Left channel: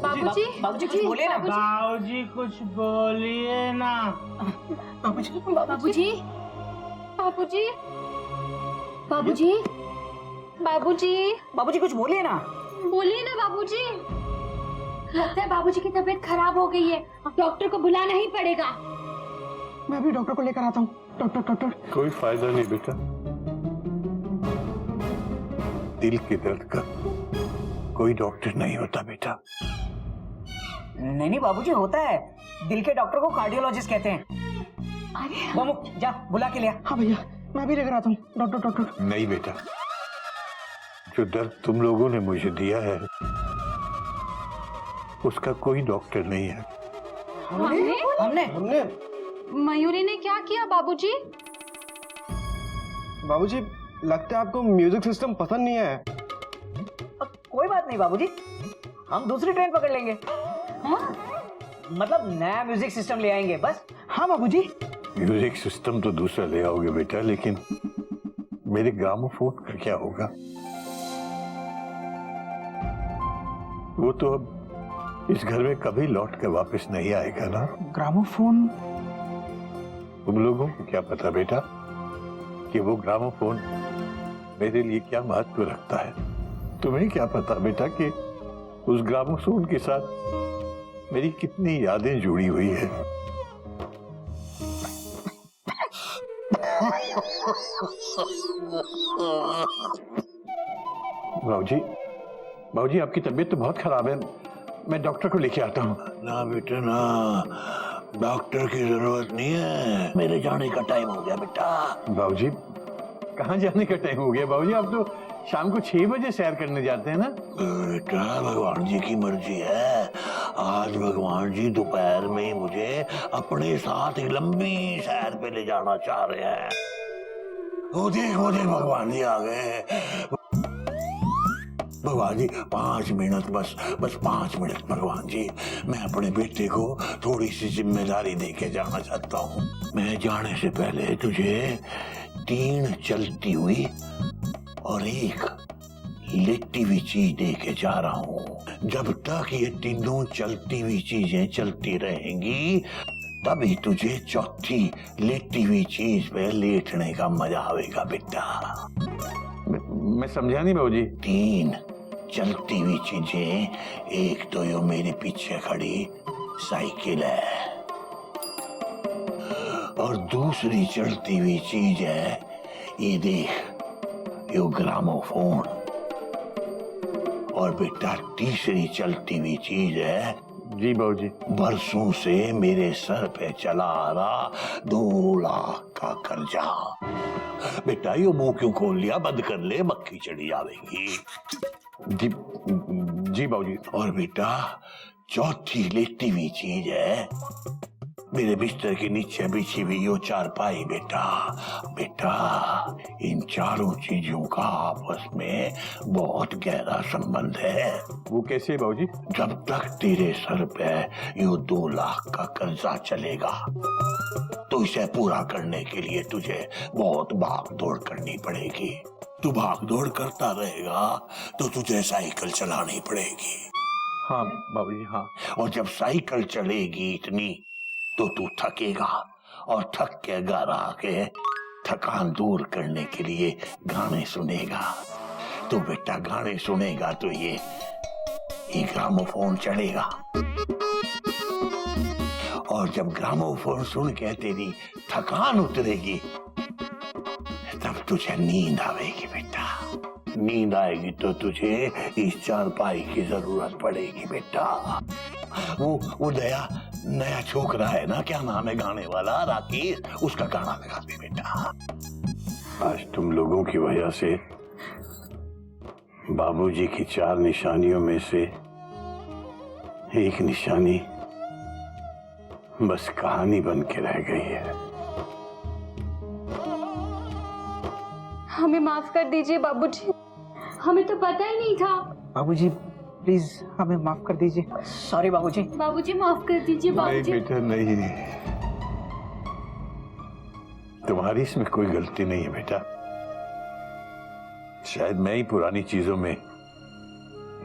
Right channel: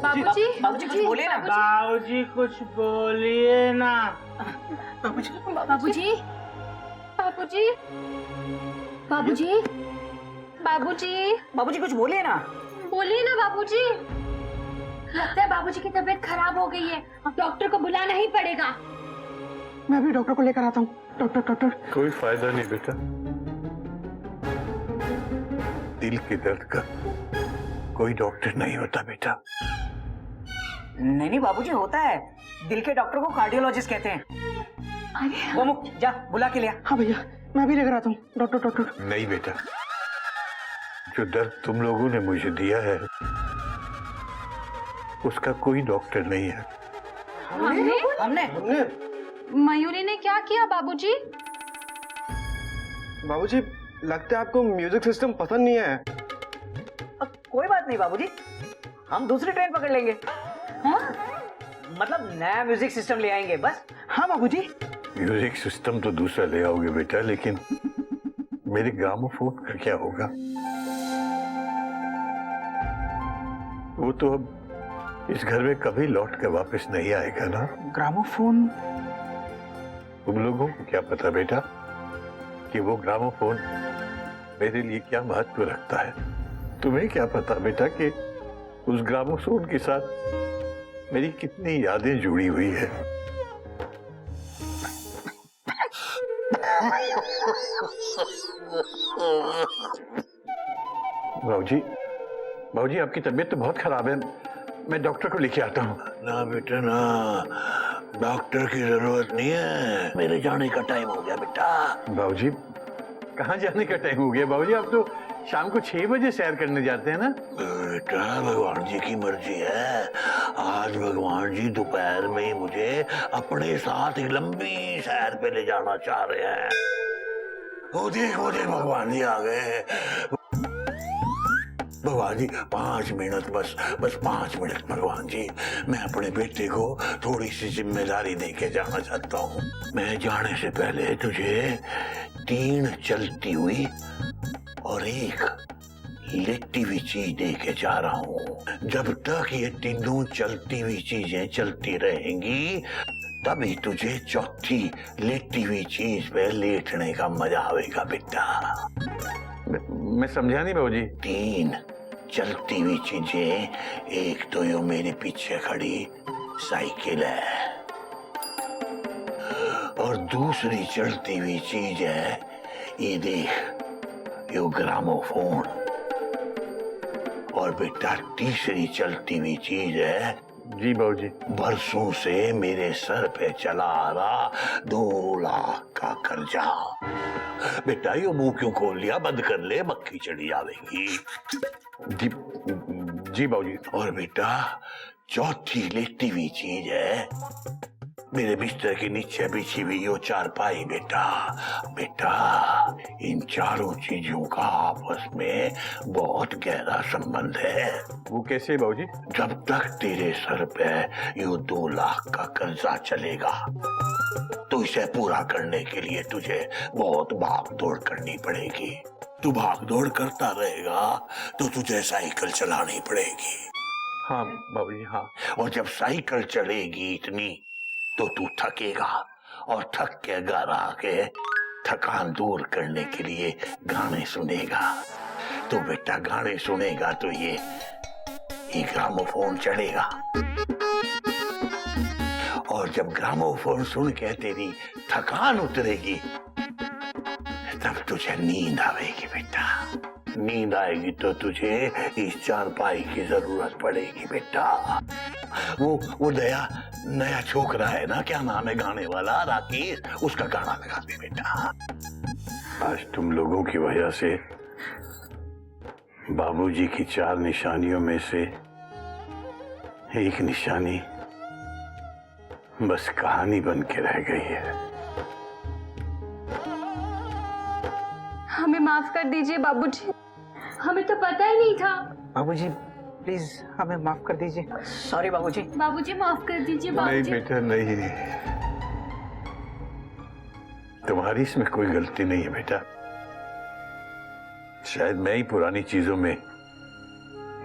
बाबूजी, बाबूजी कुछ बोलिए ना। बाबूजी कुछ बोलिए ना। बाबूजी, बाबूजी, बाबूजी, बाबूजी, बाबूजी, बाबूजी कुछ बोलिए ना। बोलिए ना बाबूजी। लगता है बाबूजी की तबीयत खराब हो गई है, अब डॉक्टर को बुलाना ही पड़ेगा। मैं भी डॉक्टर को लेकर आता हूँ। Doctor doctor. कोई फायदा नहीं बेटा, दिल के दर्द का कोई डॉक्टर नहीं होता बेटा। नहीं बाबूजी होता है, दिल के डॉक्टर को कार्डियोलॉजिस्ट कहते हैं। अरे गोमुख जा बुला के लिया। हाँ भैया, मैं भी लेकर आता हूँ। Doctor doctor. नहीं बेटा, जो दर्द तुम लोगों ने मुझे दिया है उसका कोई डॉक्टर नहीं है। हमने मयूरी ने क्या किया बाबूजी? बाबूजी लगता है आपको म्यूजिक सिस्टम पसंद नहीं है। कोई बात नहीं बाबूजी, हम दूसरी ट्रेन पकड़ लेंगे। हाँ? मतलब नया म्यूजिक सिस्टम ले आएंगे बस। हाँ बाबूजी। म्यूजिक सिस्टम तो दूसरा ले आओगे बेटा, लेकिन मेरे ग्रामोफोन का क्या होगा? वो तो अब इस घर में कभी लौट कर वापस नहीं आएगा ना। ग्रामोफोन? तुम लोगों को क्या पता बेटा कि वो ग्रामोफोन मेरे लिए क्या महत्व रखता है? तुम्हें क्या पता बेटा कि उस ग्रामोफोन के साथ मेरी कितनी यादें जुड़ी हुई है? बाबूजी, बाबूजी आपकी तबीयत तो बहुत खराब है, मैं डॉक्टर को लेके आता हूँ। ना बेटा ना, डॉक्टर की जरूरत नहीं है, मेरे जाने का टाइम हो गया बेटा। बाबूजी कहाँ जाने का टाइम हो गया? बाबूजी आप तो शाम को 6 बजे सैर करने जाते हैं ना। बेटा भगवान जी की मर्जी है, आज भगवान जी दोपहर में ही मुझे अपने साथ एक लंबी सैर पे ले जाना चाह रहे हैं। वो देख भगवान जी आ गए। भगवान जी 5 मिनट, बस 5 मिनट भगवान जी, मैं अपने बेटे को थोड़ी सी जिम्मेदारी दे के जाना चाहता हूँ। मैं जाने से पहले तुझे 3 चलती हुई और 1 लेटी हुई चीज दे के जा रहा हूँ। जब तक ये तीनों चलती हुई चीजें चलती रहेंगी तभी तुझे चौथी लेटी हुई चीज पे लेटने का मजा आएगा बेटा। मैं समझा नहीं बाबूजी। 3 चलती हुई चीजें, एक तो यो मेरे पीछे खड़ी साइकिल है और दूसरी चलती हुई चीज है ये देख, यो ग्रामोफोन, और बेटा तीसरी चलती हुई चीज है, जी बाबूजी, बरसों से मेरे सर पे चला आ रहा 2 लाख का कर्जा। बेटा ये मुंह क्यों खोल लिया? बंद कर ले, मक्खी चढ़ी आवेगी। जी बाबूजी। और बेटा चौथी लेटी हुई चीज है मेरे बिस्तर के नीचे बिछी हुई यो चारपाई। बेटा इन चारों चीजों का आपस में बहुत गहरा संबंध है। वो कैसे बाबूजी? जब तक तेरे सर पे यो 2 लाख का कर्जा चलेगा तो इसे पूरा करने के लिए तुझे बहुत भाग दौड़ करनी पड़ेगी। तू भाग दौड़ करता रहेगा तो तुझे साइकिल चलानी पड़ेगी। हाँ बाबूजी हाँ। और जब साइकिल चलेगी इतनी तो तू थकेगा और थक के घर आके थकान दूर करने के लिए गाने सुनेगा। तो बेटा गाने सुनेगा तो ये ग्रामोफोन चलेगा और जब ग्रामोफोन सुन के तेरी थकान उतरेगी तब तुझे नींद आएगी। बेटा नींद आएगी तो तुझे इस चारपाई की जरूरत पड़ेगी। बेटा वो नया छोकरा है ना, क्या नाम है गाने वाला, राकेश, उसका गाना लगा दे बेटा। आज तुम लोगों की वजह से बाबूजी की 4 निशानियों में से एक निशानी बस कहानी बन के रह गई है। हमें माफ कर दीजिए बाबूजी, हमें तो पता ही नहीं था। बाबूजी प्लीज हमें माफ कर दीजिए। सॉरी बाबूजी। बाबूजी माफ कर दीजिए बाबूजी। नहीं बेटा नहीं, तुम्हारी इसमें कोई गलती नहीं है बेटा। शायद मैं ही पुरानी चीजों में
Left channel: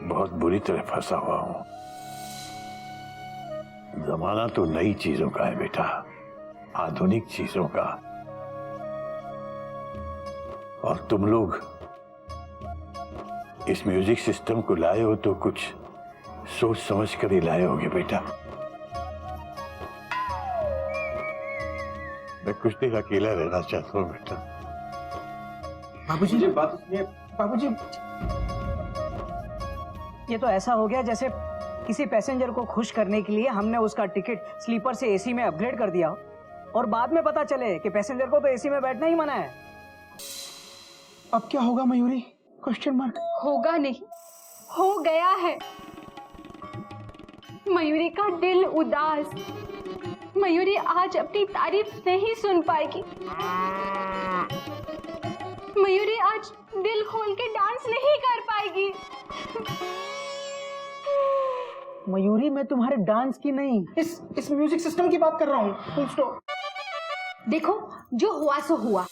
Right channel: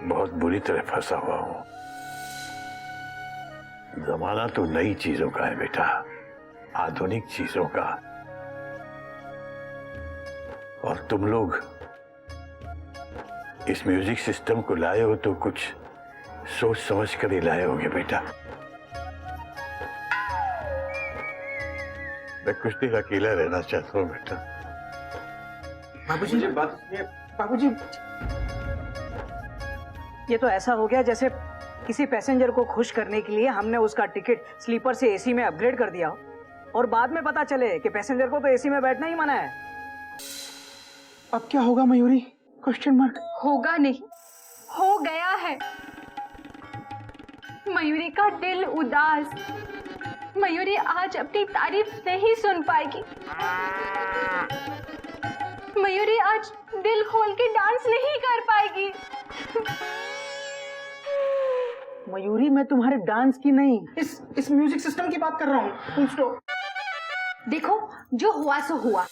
बहुत बुरी तरह फंसा हुआ हूं। जमाना तो नई चीजों का है बेटा, आधुनिक चीजों का। और तुम लोग इस म्यूजिक सिस्टम को लाए हो तो कुछ सोच समझ कर ही लाए होगे बेटा। मैं कुछ देर अकेला रहना चाहता हूँ बेटा। बाबूजी मुझे बात सुनिए। बाबूजी ये तो ऐसा हो गया जैसे किसी पैसेंजर को खुश करने के लिए हमने उसका टिकट स्लीपर से एसी में अपग्रेड कर दिया हो और बाद में पता चले कि पैसेंजर को तो एसी में बैठना ही मना है। अब क्या होगा मयूरी? Question mark. होगा नहीं, हो गया है। मयूरी का दिल उदास। मयूरी आज अपनी तारीफ नहीं सुन पाएगी। मयूरी आज दिल खोल के डांस नहीं कर पाएगी। मयूरी, मैं तुम्हारे डांस की नहीं, इस म्यूजिक सिस्टम की बात कर रहा हूँ। Full stop. देखो, जो हुआ सो हुआ।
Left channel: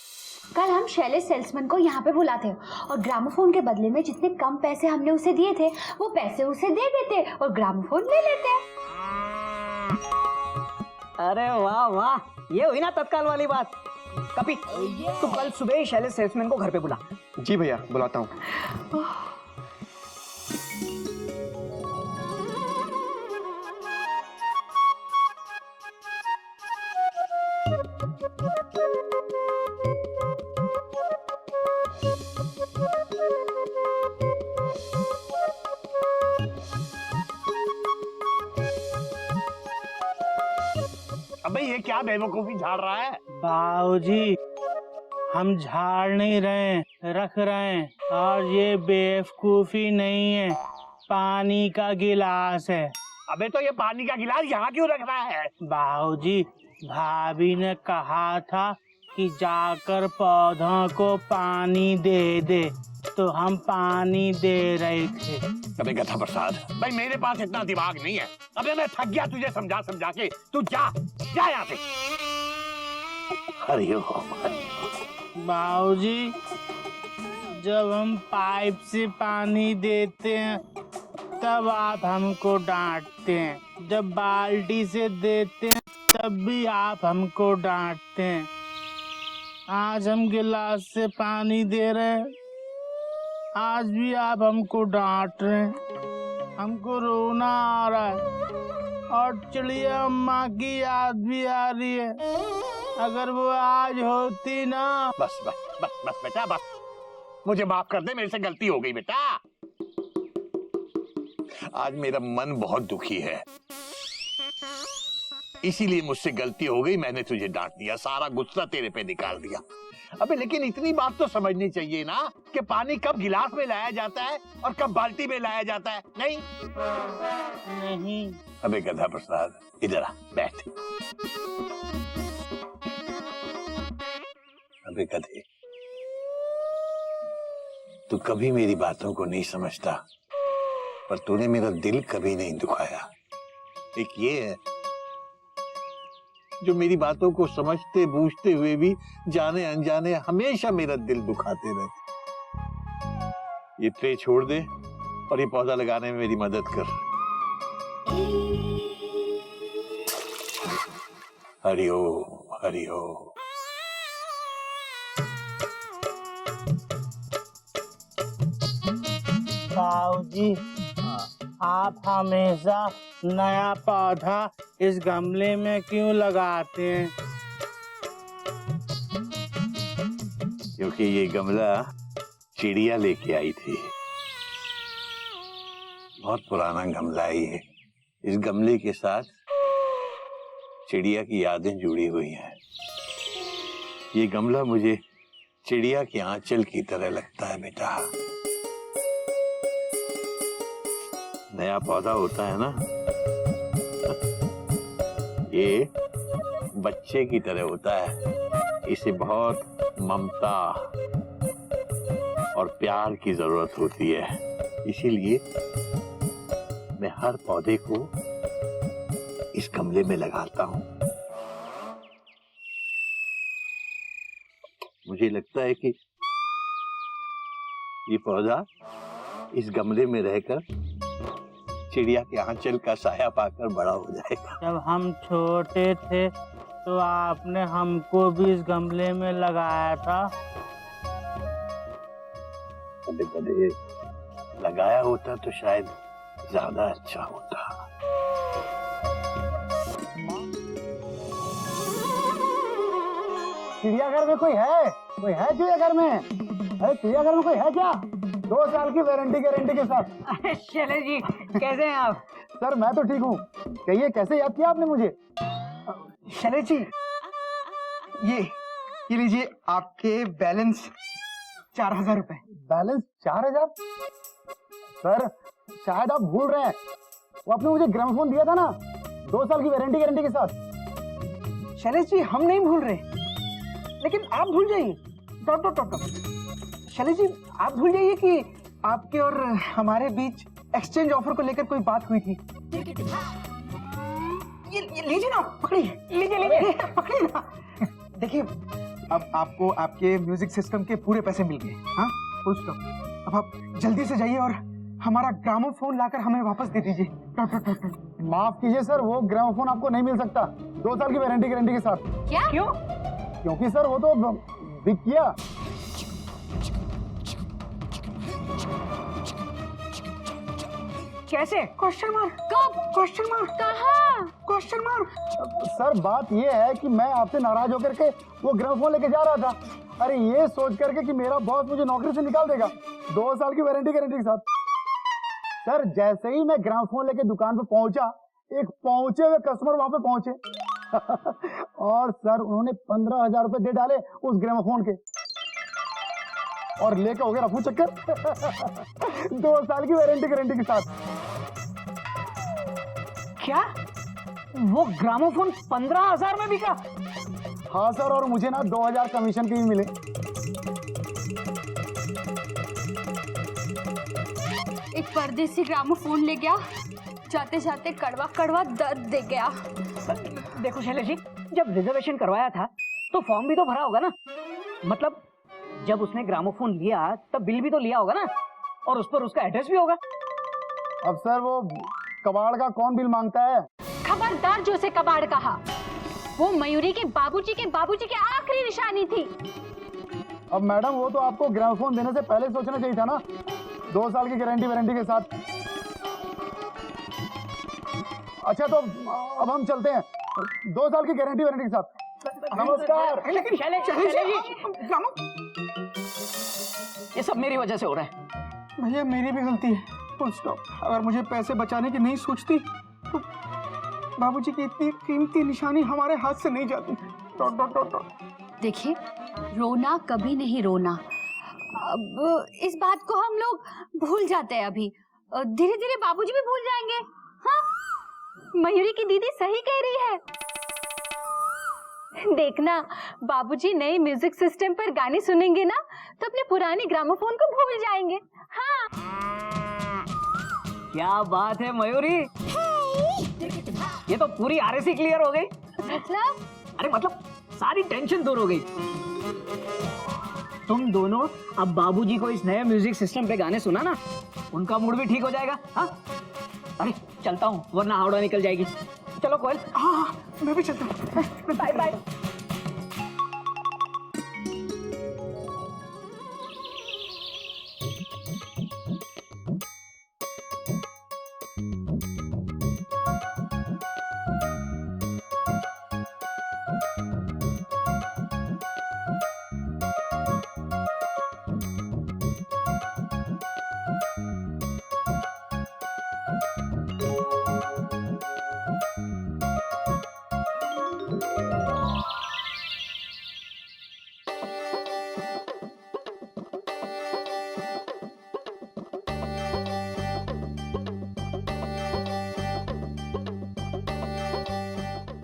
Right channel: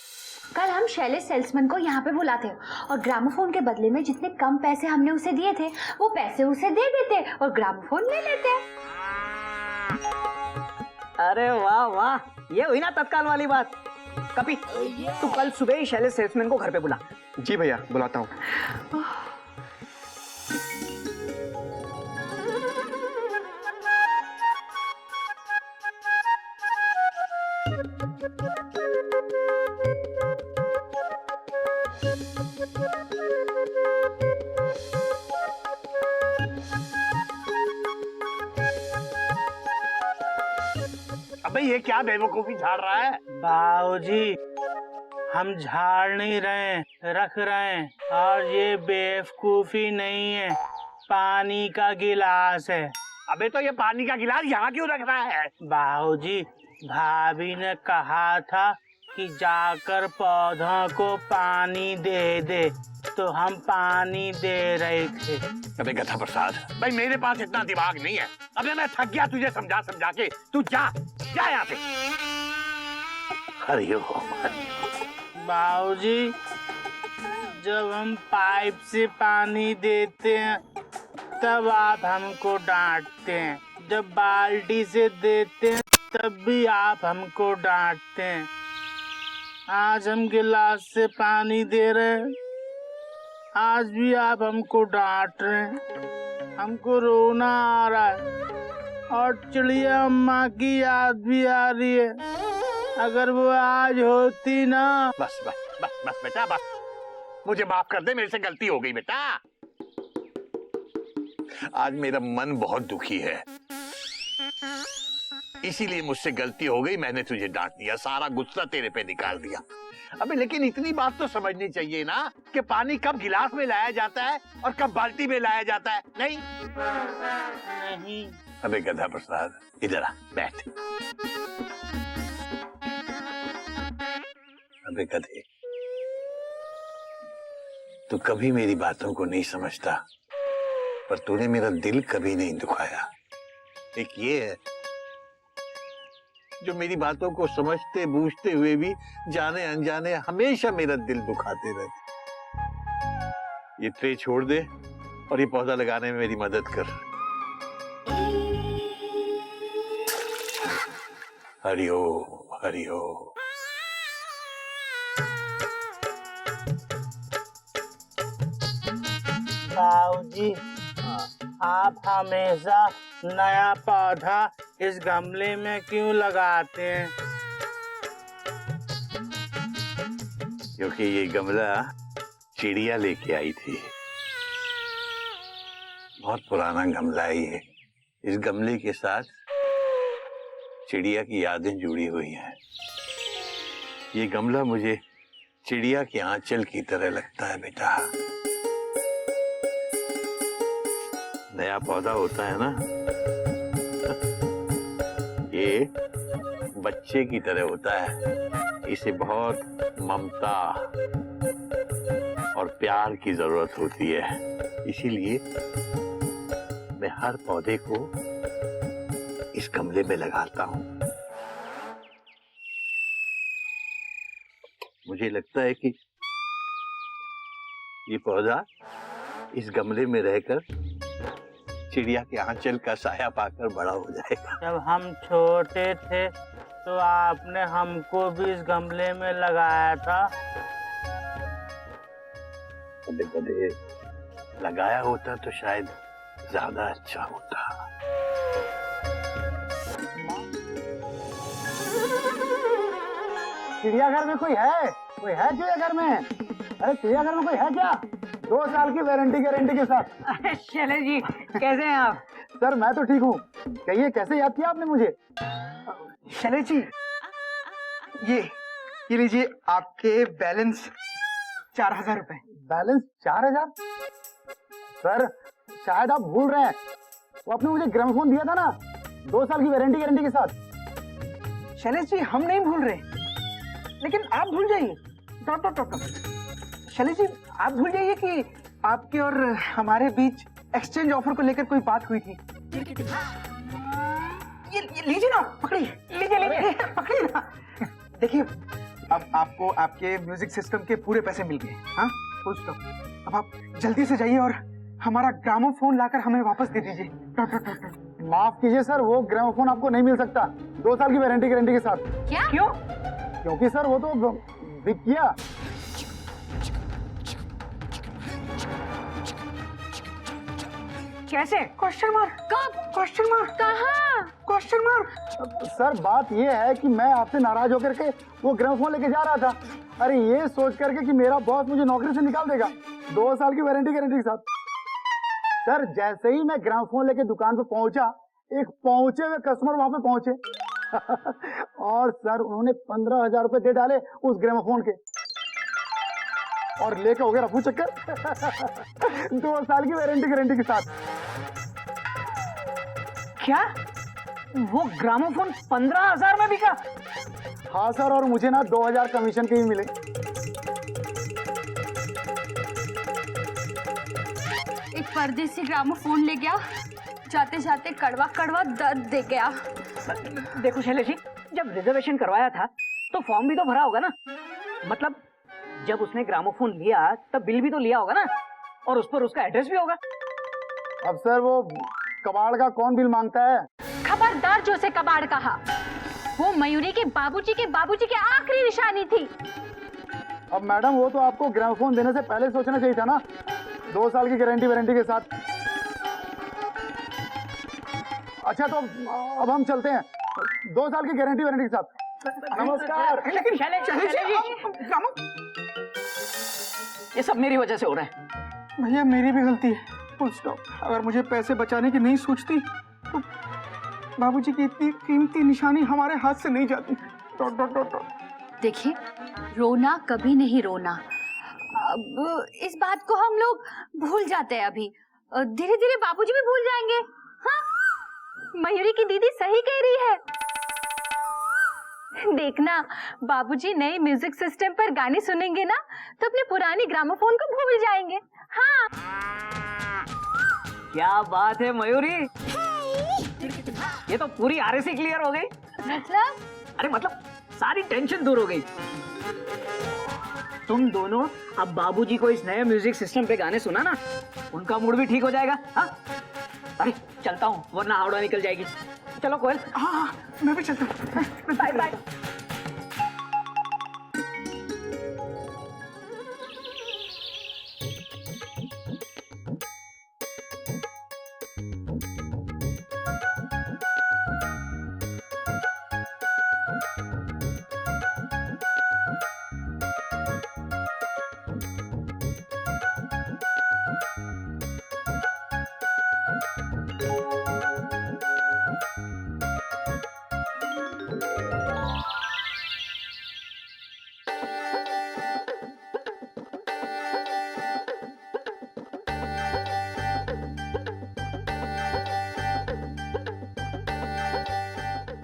कल हम शैलेश सेल्समैन को यहाँ पे बुलाते और ग्रामोफोन के बदले में जितने कम पैसे हमने उसे दिए थे वो पैसे उसे दे देते और ग्रामोफोन ले लेते। अरे वाह वाह, ये हुई ना तत्काल वाली बात। कपी, तू कल सुबह ही शैलेश सेल्समैन को घर पे बुला। जी भैया, बुलाता हूँ। अबे ये क्या बेवकूफी झाड़ रहा है? बाबूजी, हम झाड़ नहीं रहे, रख रहे हैं। और ये बेवकूफी नहीं है, पानी का गिलास है। अबे तो ये पानी का गिलास यहाँ क्यों रख रहा है? बाबूजी, भाभी ने कहा था कि जाकर पौधों को पानी दे दे, तो हम पानी दे रहे थे। अबे गधा प्रसाद, भाई मेरे पास इतना दिमाग नहीं है। अबे मैं थक गया तुझे समझा समझा के। तू जा जा यहाँ से। हरिओम। बाबूजी, जब हम पाइप से पानी देते हैं तब आप हमको डांटते हैं, जब बाल्टी से देते हैं तब भी आप हमको डांटते हैं। आज हम गिलास से पानी दे रहे हैं, आज भी आप हमको डांट रहे हैं। हमको रोना आ रहा है और चिड़िया अम्मा की याद भी आ रही है। अगर वो आज होती ना। बस बस बस बस बेटा बस, मुझे माफ कर दे, मेरे से गलती हो गई बेटा। आज मेरा मन बहुत दुखी है, इसीलिए मुझसे गलती हो गई, मैंने तुझे डांट दिया, सारा गुस्सा तेरे पे निकाल दिया। अबे लेकिन इतनी बात तो समझनी चाहिए ना कि पानी कब गिलास में लाया जाता है और कब बाल्टी में लाया जाता है। नहीं नहीं। अबे गधा प्रसाद, इधर आ, बैठ। अबे गधे, तू कभी मेरी बातों को नहीं समझता, पर तूने मेरा दिल कभी नहीं दुखाया। एक ये है जो मेरी बातों को समझते बूझते हुए भी जाने अनजाने हमेशा मेरा दिल दुखाते रहते। ये ट्रे छोड़ दे और ये पौधा लगाने में मेरी मदद कर। हरिओम हरिओम। बाबूजी, आप हमेशा नया पौधा इस गमले में क्यों लगाते हैं? क्योंकि ये गमला चिड़िया लेके आई थी। बहुत पुराना गमला है ये। इस गमले के साथ चिड़िया की यादें जुड़ी हुई हैं। ये गमला मुझे चिड़िया के आंचल की तरह लगता है बेटा। नया पौधा होता है ना, ये बच्चे की तरह होता है। इसे बहुत ममता और प्यार की जरूरत होती है, इसीलिए मैं हर पौधे को इस गमले में लगाता हूँ। मुझे लगता है कि ये पौधा इस गमले में रहकर चिड़िया के आंचल का साया पाकर बड़ा हो जाएगा। जब हम छोटे थे तो आपने हमको भी इस गमले में लगाया था। कदे कदे लगाया होता तो शायद ज्यादा अच्छा होता। चिड़ियाघर में कोई है? कोई है चिड़ियाघर में? अरे चिड़ियाघर में कोई है क्या? 2 साल की वारंटी गारंटी के साथ। शैलेश जी कैसे हैं आप? सर मैं तो ठीक हूँ। कहिए कैसे याद किया आपने मुझे? शैलेश जी, ये लीजिए आपके बैलेंस 4000 रुपए। बैलेंस 4000? सर शायद आप भूल रहे हैं, वो आपने मुझे ग्रामोफोन दिया था ना 2 साल की वारंटी गारंटी के साथ। शैलेश जी हम नहीं भूल रहे, लेकिन आप भूल जाइए। शैलेश जी आप भूल जाइए कि आपके और हमारे बीच एक्सचेंज ऑफर को लेकर कोई बात हुई थी। ये लीजिए ना, पकड़िए, लीजिए पकड़िए ना। देखिए अब आपको आपके म्यूजिक सिस्टम के पूरे पैसे मिल गए। हाँ फुल स्टॉप। अब आप जल्दी से जाइए और हमारा ग्रामोफोन लाकर हमें वापस दे दीजिए। माफ कीजिए सर, वो ग्रामोफोन आपको नहीं मिल सकता 2 साल की वारंटी गारंटी के साथ। क्या? क्यों? क्योंकि सर वो तो बिक गया। कैसे? Question mark. कब? Question mark. कहाँ? Question mark. सर बात ये है कि मैं आपसे नाराज होकर के वो ग्रामोफोन लेके जा रहा था। अरे ये सोच करके कि मेरा बॉस मुझे नौकरी से निकाल देगा 2 साल की वारंटी गारंटी के साथ। सर जैसे ही मैं ग्रामोफोन लेके दुकान पे पहुंचा, एक पहुंचे हुए कस्टमर वहां पे पहुंचे और सर उन्होंने 15,000 रुपए दे डाले उस ग्रामोफोन के और लेके हो गया रफू चक्कर 2 साल की वारंटी गारंटी के साथ। क्या वो ग्रामोफोन 15,000 में बिका? हाँ सर, और मुझे ना 2,000 कमीशन के ही मिले। एक परदेसी ग्रामोफोन ले गया, जाते जाते कड़वा कड़वा दर्द दे गया। देखो शैलेश जी, जब रिजर्वेशन करवाया था तो फॉर्म भी तो भरा होगा ना। मतलब जब उसने ग्रामोफोन लिया तब बिल भी तो लिया होगा ना, और उस पर उसका एड्रेस भी होगा। अब सर वो कबाड़ का कौन बिल मांगता है? खबरदार जो से कबाड़ कहा, वो मयूरी के बाबूजी की आखिरी निशानी थी। अब मैडम वो तो आपको ग्रामोफोन देने से पहले सोचना चाहिए था ना, 2 साल की गारंटी वारंटी के साथ। अच्छा तो अब हम चलते हैं 2 साल की गारंटी वारंटी के साथ। नमस्कार। लेकिन शैलेश जी, ये सब मेरी वजह से हो रहा है। भैया मेरी भी गलती है, फुल स्टॉप। अगर मुझे पैसे बचाने की नहीं सोचती तो बाबूजी की इतनी कीमती निशानी हमारे हाथ से नहीं जाती। देखिए, रोना कभी नहीं रोना। अब इस बात को हम लोग भूल जाते हैं। अभी धीरे धीरे बाबूजी भी भूल जाएंगे। हाँ, मयूरी की दीदी सही कह रही है। देखना, बाबूजी नए म्यूजिक सिस्टम पर गाने सुनेंगे ना तो अपने पुराने ग्रामोफोन को भूल जाएंगे। हाँ। क्या बात है मयूरी, ये तो पूरी आरएसी क्लियर हो गई। मतलब? अरे मतलब सारी टेंशन दूर हो गई। तुम दोनों अब बाबूजी को इस नए म्यूजिक सिस्टम पे गाने सुना ना, उनका मूड भी ठीक हो जाएगा। हाँ, अरे चलता हूँ वरना हावड़ा निकल जाएगी। चलो कोयल। हाँ मैं भी चलता हूँ। Bye bye.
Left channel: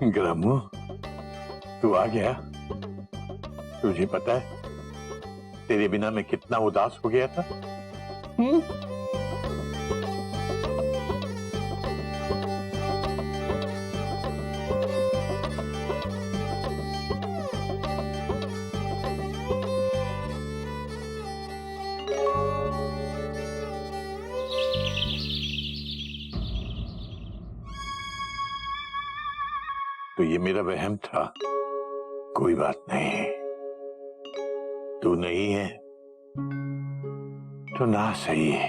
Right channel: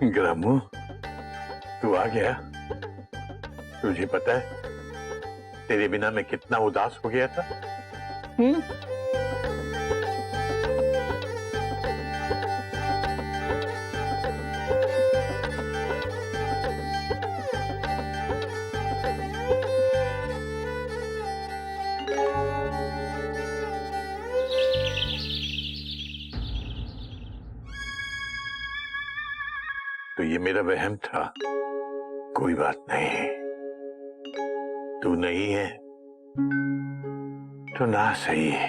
ग्रामो, तू आ गया? तुझे पता है तेरे बिना मैं कितना उदास हो गया था। तो ये मेरा वहम था। कोई बात नहीं, तू नहीं है तो ना सही है,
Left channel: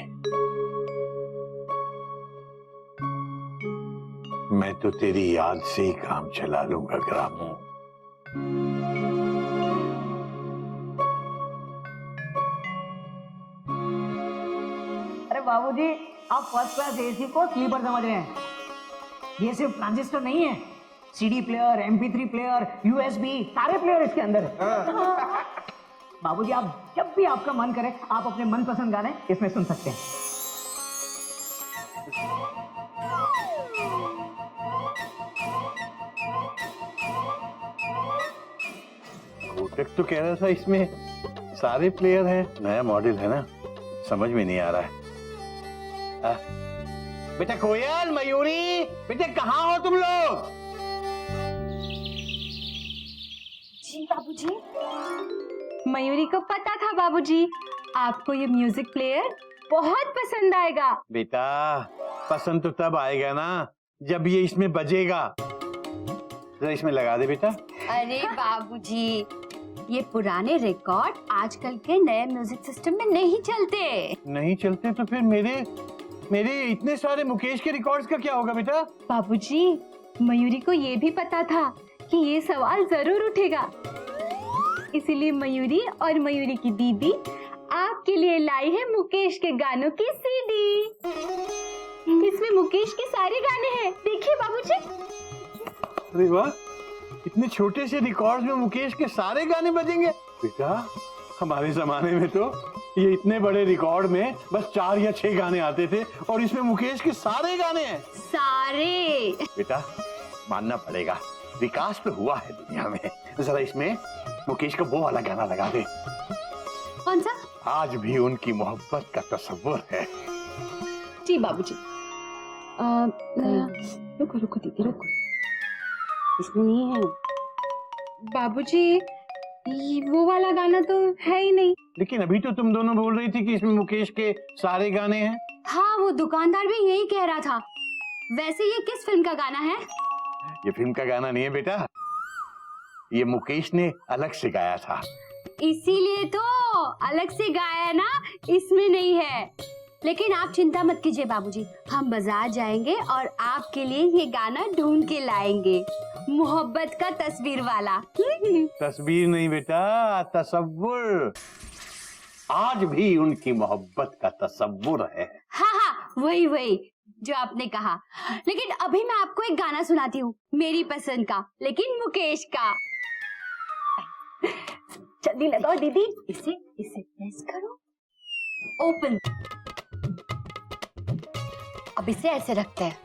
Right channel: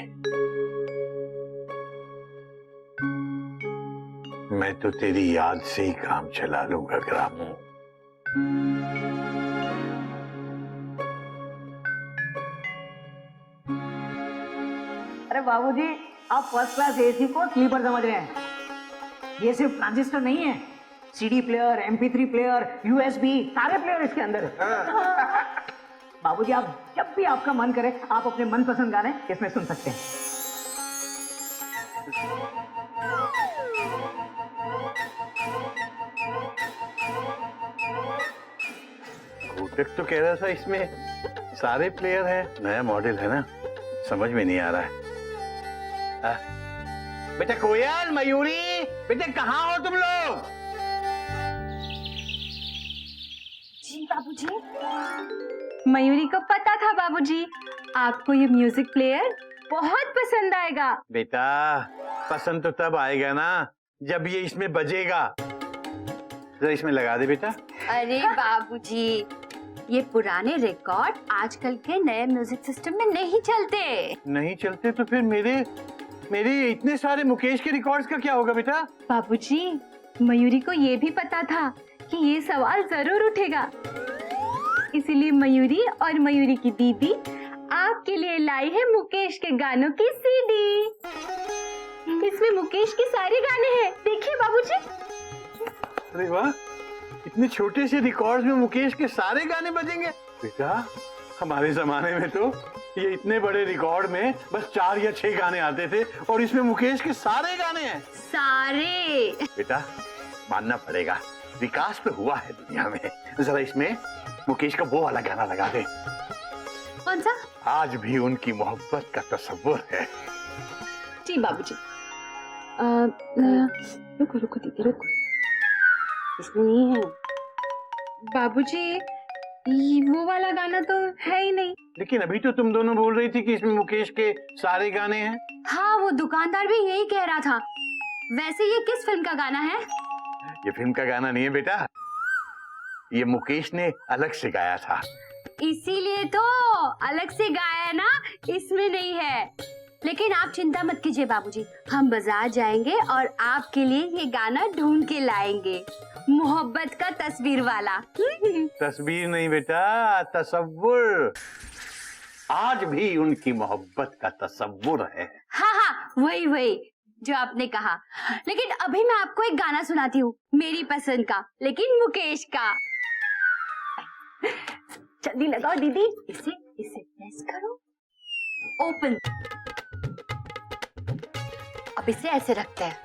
मैं तो तेरी याद से ही काम चला लूंगा ग्रामो। अरे बाबूजी, आप फर्स्ट क्लास एसी को स्लीपर समझ रहे हैं। ये सिर्फ ट्रांजिस्टर नहीं है, CD player, MP3 player, USB, सारे प्लेयर इसके अंदर है। बाबूजी, आप जब भी आपका मन करे आप अपने मनपसंद गाने इसमें सुन सकते हैं। कोटक तो कह रहा था इसमें सारे प्लेयर हैं, नया मॉडल है ना, समझ में नहीं आ रहा है। बेटा कोयल, मयूरी, बेटे कहाँ हो तुम लोग? जी बाबूजी। मयूरी को पता था बाबूजी आपको ये म्यूजिक प्लेयर बहुत पसंद आएगा। बेटा पसंद तो तब आएगा ना जब ये इसमें बजेगा। जरा इसमें लगा दे बेटा। अरे बाबूजी, ये पुराने रिकॉर्ड आजकल के नए म्यूजिक सिस्टम में नहीं चलते। नहीं चलते तो फिर मेरे इतने सारे मुकेश के रिकॉर्ड्स का क्या होगा बेटा? बाबूजी, मयूरी को ये भी पता था कि ये सवाल जरूर उठेगा, इसीलिए मयूरी और मयूरी की दीदी आपके लिए लाई है मुकेश के गानों की सीडी। इसमें मुकेश के सारे गाने हैं, देखिए बाबूजी। अरे वाह, इतने छोटे से रिकॉर्ड्स में मुकेश के सारे गाने बजेंगे। बेटा हमारे जमाने में तो ये इतने बड़े रिकॉर्ड में बस 4 या 6 गाने आते थे और इसमें मुकेश के सारे गाने हैं। सारे। बेटा मानना पड़ेगा, विकास तो हुआ है दुनिया में। जरा इसमें मुकेश का वो वाला गाना लगा दे। कौन सा? आज भी उनकी मोहब्बत का तस्वुर है। जी बाबूजी। रुको रुको दीदी रुको, इसमें नहीं है बाबूजी, वो वाला गाना तो है ही नहीं। लेकिन अभी तो तुम दोनों बोल रही थी कि इसमें मुकेश के सारे गाने हैं। हाँ, वो दुकानदार भी यही कह रहा था। वैसे ये किस फिल्म का गाना है? ये फिल्म का गाना नहीं है बेटा, ये मुकेश ने अलग से गाया था। इसीलिए तो अलग से गाया ना, इसमें नहीं है। लेकिन आप चिंता मत कीजिए बाबूजी, हम बाजार जाएंगे और आपके लिए ये गाना ढूंढ के लाएंगे, मोहब्बत का तस्वीर वाला। तस्वीर नहीं बेटा, तस्वुर। आज भी उनकी मोहब्बत का तस्वुर है। हाँ हाँ, वही वही जो आपने कहा। लेकिन अभी मैं आपको एक गाना सुनाती हूँ, मेरी पसंद का, लेकिन मुकेश का। जल्दी लगाओ दीदी, इसे प्रेस करो, ओपन। अब इसे ऐसे रखते हैं,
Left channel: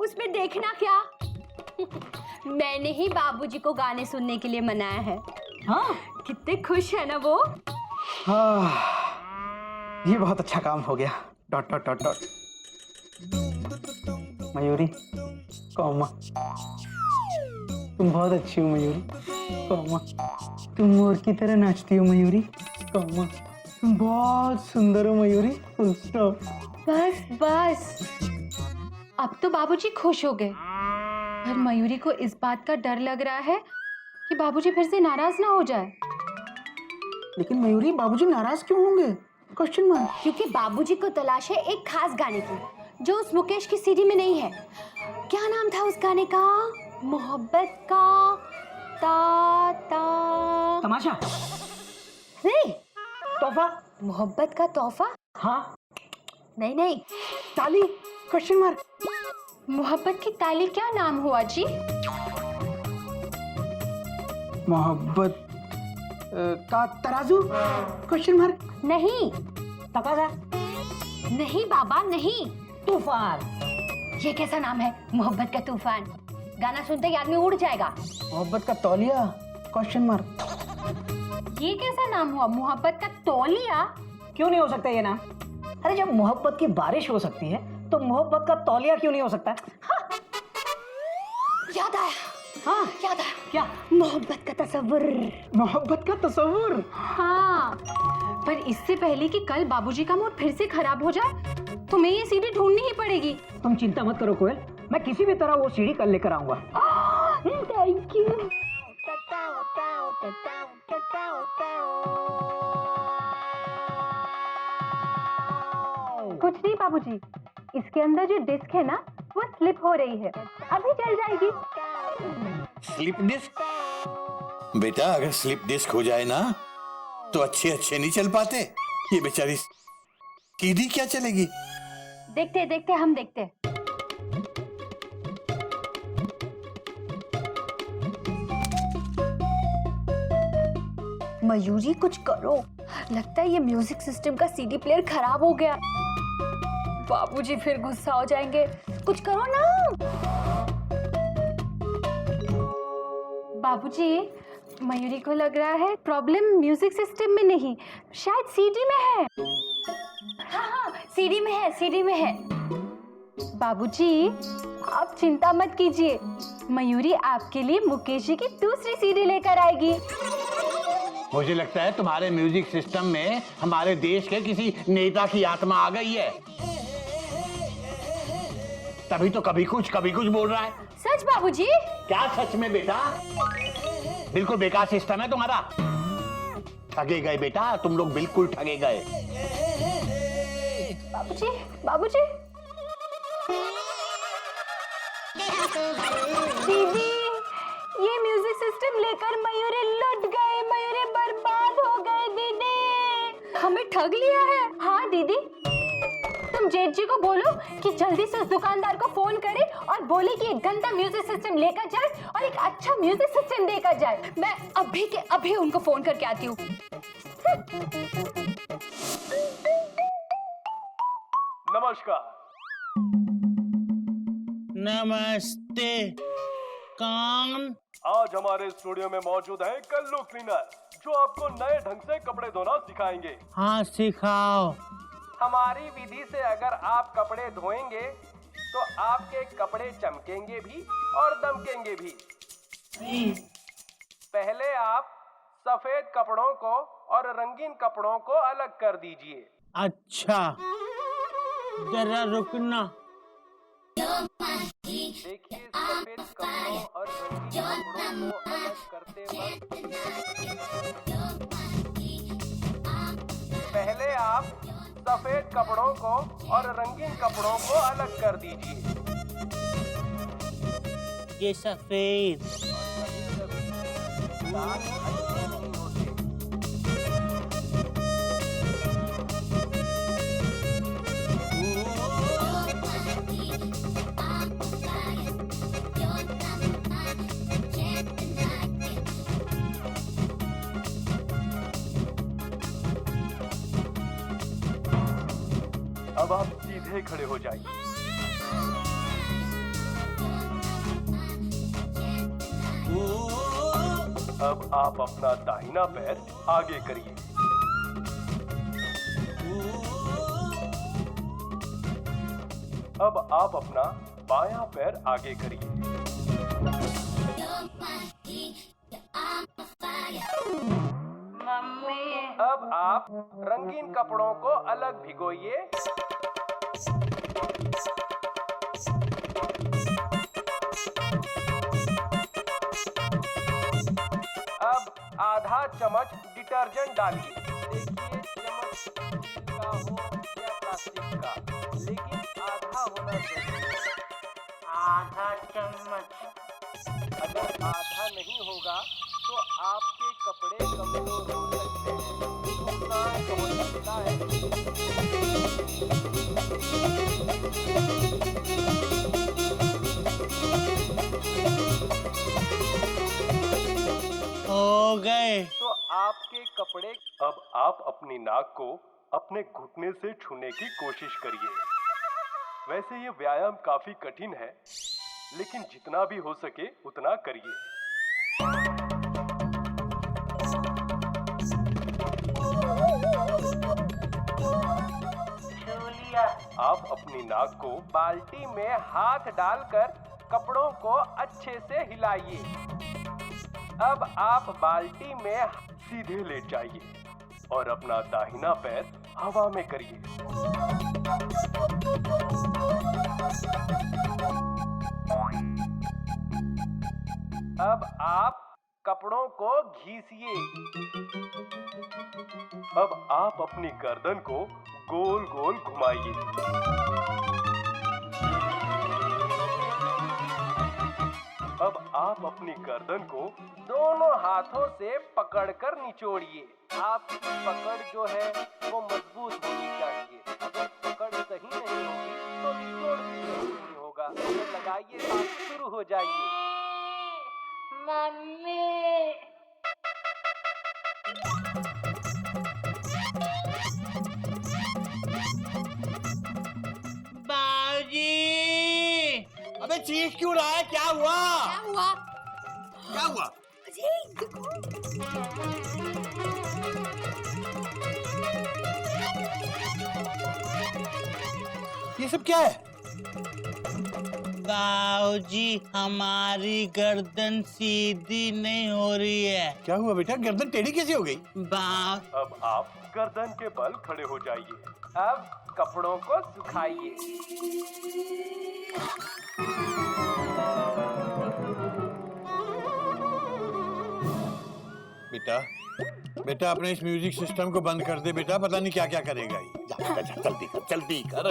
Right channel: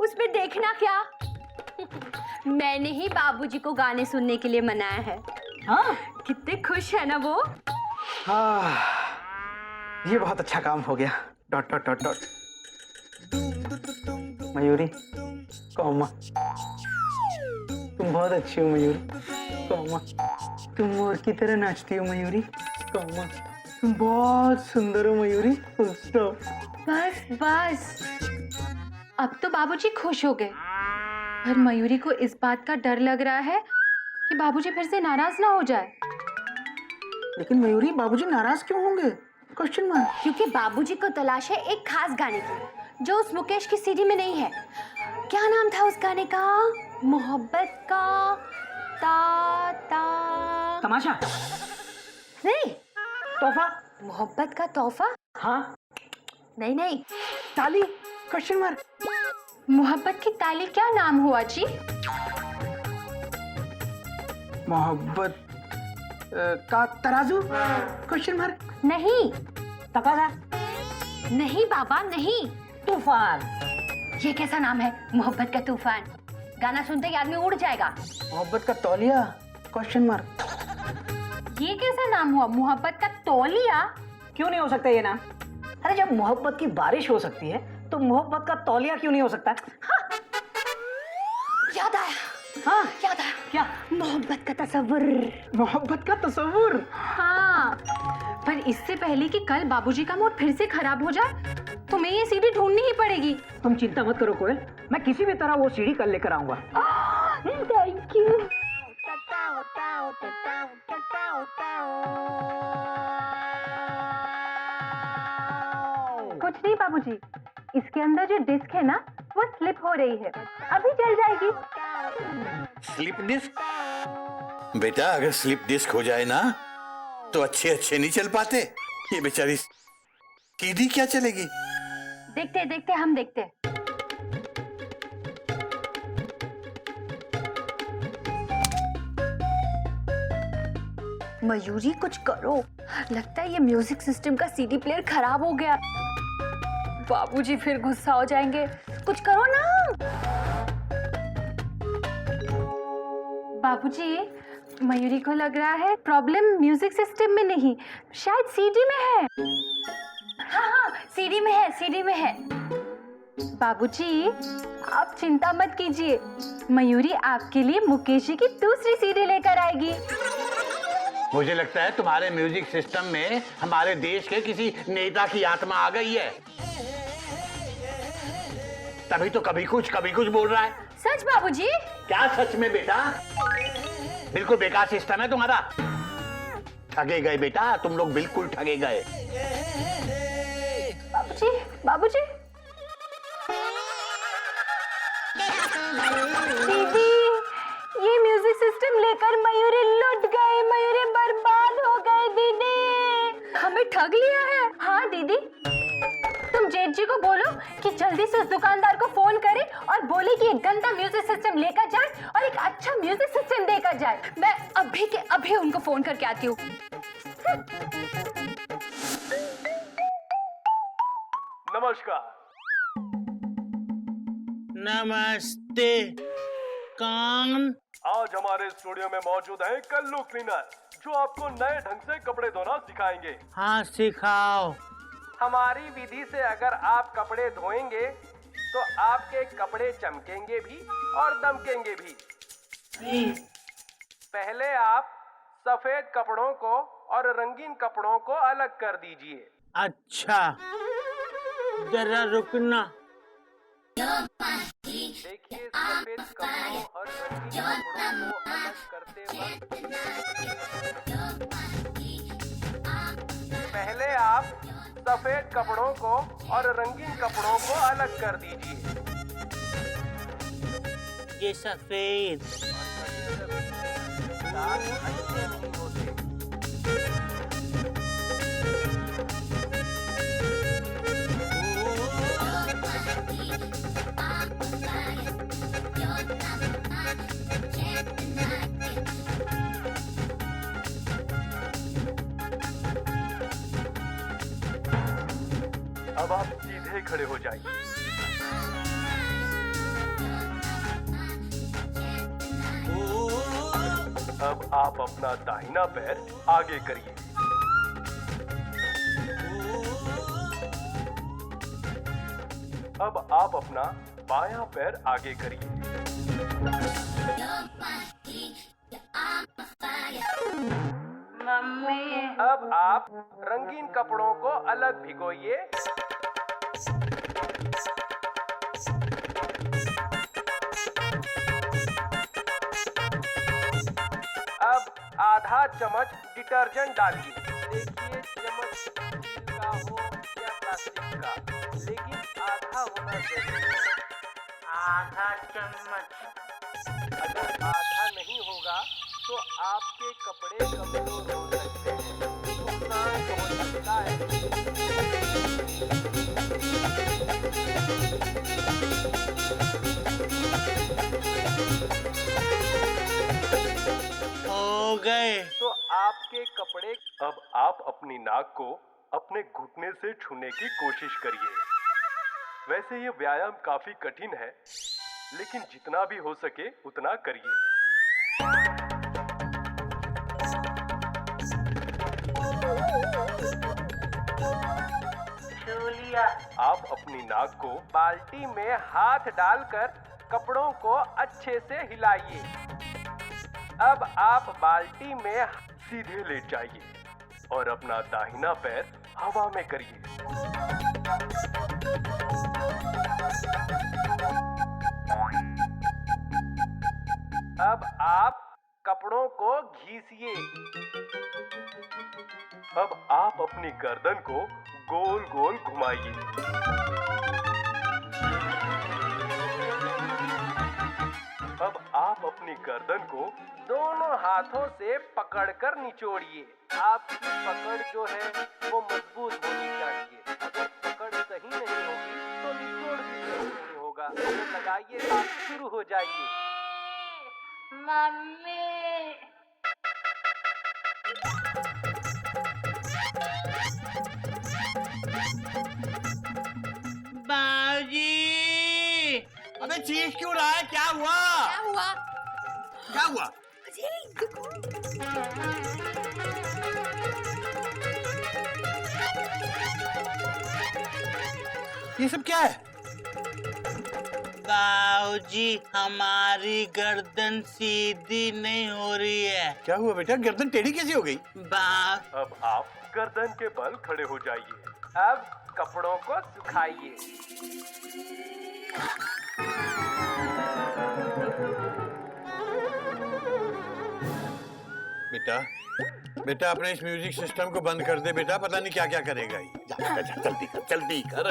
उसमें देखना क्या, मैंने ही बाबूजी को गाने सुनने के लिए मनाया है। हाँ, कितने खुश है ना वो। हाँ, ये बहुत अच्छा काम हो गया। Dot dot dot dot. Mayuri, comma, तुम बहुत अच्छी हो मयूरी। कौमा, तुम मोर की तरह नाचती हो मयूरी। कौमा, तुम बहुत सुंदर हो मयूरी। Full stop. बस बस, अब तो बाबूजी खुश हो गए, पर मयूरी को इस बात का डर लग रहा है कि बाबूजी फिर से नाराज ना हो जाए। लेकिन मयूरी, बाबूजी नाराज क्यों होंगे? Question mark. क्योंकि बाबूजी को तलाश है एक खास गाने की जो उस मुकेश की सीडी में नहीं है। क्या नाम था उस गाने का? मोहब्बत का तमाशा, नहीं, तोहफा। मोहब्बत का तोहफा। हाँ, नहीं नहीं, ताली। Question mark. मोहब्बत की ताली क्या नाम हुआ जी? मोहब्बत का तराजू। Question mark. नहीं तकाजा, नहीं बाबा नहीं, तूफान। ये कैसा नाम है, मोहब्बत का तूफान? गाना सुनते ही आदमी उड़ जाएगा। मोहब्बत का तौलिया। Question mark. ये कैसा नाम हुआ, मोहब्बत का तौलिया? क्यों नहीं हो सकता ये नाम? अरे जब मोहब्बत की बारिश हो सकती है तो मोहब्बत का तौलिया क्यों नहीं हो सकता? हाँ, याद आया। हाँ, याद आया, क्या? मोहब्बत का तस्वुर। मोहब्बत का तस्वुर। हाँ, पर इससे पहले कि कल बाबूजी का मूड फिर से खराब हो जाए, तुम्हें ये सीडी ढूंढनी ही पड़ेगी। तुम चिंता मत करो कोयल, मैं किसी भी तरह वो सीडी कल लेकर आऊंगा। Thank you. कुछ नहीं बाबूजी, इसके अंदर जो डिस्क है ना वो स्लिप हो रही है, अभी चल जाएगी। Slip disc? बेटा अगर स्लिप डिस्क हो जाए ना तो अच्छे अच्छे नहीं चल पाते। ये बेचारी सीधी क्या चलेगी? देखते देखते हम देखते। मयूरी कुछ करो, लगता है ये म्यूजिक सिस्टम का सीडी प्लेयर खराब हो गया। बाबूजी फिर गुस्सा हो जाएंगे, कुछ करो ना। बाबूजी, मयूरी को लग रहा है प्रॉब्लम म्यूजिक सिस्टम में नहीं, शायद सीडी में है। हाँ हाँ, सीडी में है, सीडी में है। बाबूजी आप चिंता मत कीजिए, मयूरी आपके लिए मुकेश जी की दूसरी सीडी लेकर आएगी। मुझे लगता है तुम्हारे म्यूजिक सिस्टम में हमारे देश के किसी नेता की आत्मा आ गई है, तभी तो कभी कुछ बोल रहा है। सच बाबूजी? क्या सच में बेटा? बिल्कुल बेकार सिस्टम है तुम्हारा। ठगे गए बेटा, तुम लोग बिल्कुल ठगे गए। बाबूजी, बाबूजी। दीदी, ये म्यूजिक सिस्टम लेकर मयूरी लुट गए, मयूरी बर्बाद हो गए। दीदी हमें ठग लिया है। हाँ दीदी, तुम जेठ जी को बोलो कि जल्दी से उस दुकानदार को फोन करे और बोले कि एक गंदा म्यूजिक सिस्टम लेकर जाए और एक अच्छा म्यूजिक सिस्टम देकर जाए। मैं अभी के अभी उनको फोन करके आती हूँ। नमस्कार। नमस्ते। कौन? आज हमारे स्टूडियो में मौजूद है कल्लू क्लीनर, जो आपको नए ढंग से कपड़े धोना सिखाएंगे। हाँ सिखाओ। हमारी विधि से अगर आप कपड़े धोएंगे तो आपके कपड़े चमकेंगे भी और दमकेंगे भी। पहले आप सफेद कपड़ों को और रंगीन कपड़ों को अलग कर दीजिए। अच्छा, जरा रुकना। देखिए, सफेद कपड़ों और रंगीन कपड़ों को अलग करते वक्त पहले आप सफेद कपड़ों को और रंगीन कपड़ों को अलग कर दीजिए। ये सफेद। दाग अच्छे नहीं होते। अब आप सीधे खड़े हो जाइए। अब आप अपना दाहिना पैर आगे करिए। अब आप अपना बायां पैर आगे करिए। मम्मी। अब आप रंगीन कपड़ों को अलग भिगोइए। अब आधा चम्मच डिटर्जेंट डालिए। देखिए, चम्मच स्टील का हो या प्लास्टिक का, लेकिन आधा होना चाहिए। आधा चम्मच। अगर आधा नहीं होगा तो आपके कपड़े कमजोर हो सकते हैं, नुकसान पहुंच सकता है। हो गए। तो आपके कपड़े। अब आप अपनी नाक को अपने घुटने से छूने की कोशिश करिए। वैसे ये व्यायाम काफी कठिन है, लेकिन जितना भी हो सके उतना करिए। आप अपनी नाक को बाल्टी में हाथ डालकर कपड़ों को अच्छे से हिलाइए। अब आप बाल्टी में सीधे लेट जाइए और अपना दाहिना पैर हवा में करिए। अब आप कपड़ों को घिसिए। अब आप अपनी गर्दन को गोल गोल घुमाइए। अब आप अपनी गर्दन को दोनों हाथों से पकड़कर निचोड़िए। आपकी पकड़ जो है वो मजबूत होनी चाहिए। अगर पकड़ सही नहीं होगी तो निचोड़ भी सही नहीं होगा। तो लगाइए, आप शुरू हो जाइए। मम्मी बाबूजी, अबे चीख क्यों रहा है? क्या हुआ? क्या हुआ? क्या हुआ? ये सब क्या है? बाबूजी, हमारी गर्दन सीधी नहीं हो रही है। क्या हुआ बेटा? गर्दन टेढ़ी कैसे हो गई? अब आप गर्दन के बल खड़े हो जाइए। अब कपड़ों को सुखाइए। बेटा बेटा अपने इस म्यूजिक सिस्टम को बंद कर दे बेटा, पता नहीं क्या क्या करेगा ये। जा, जा, जा, जल्दी कर, जल्दी कर।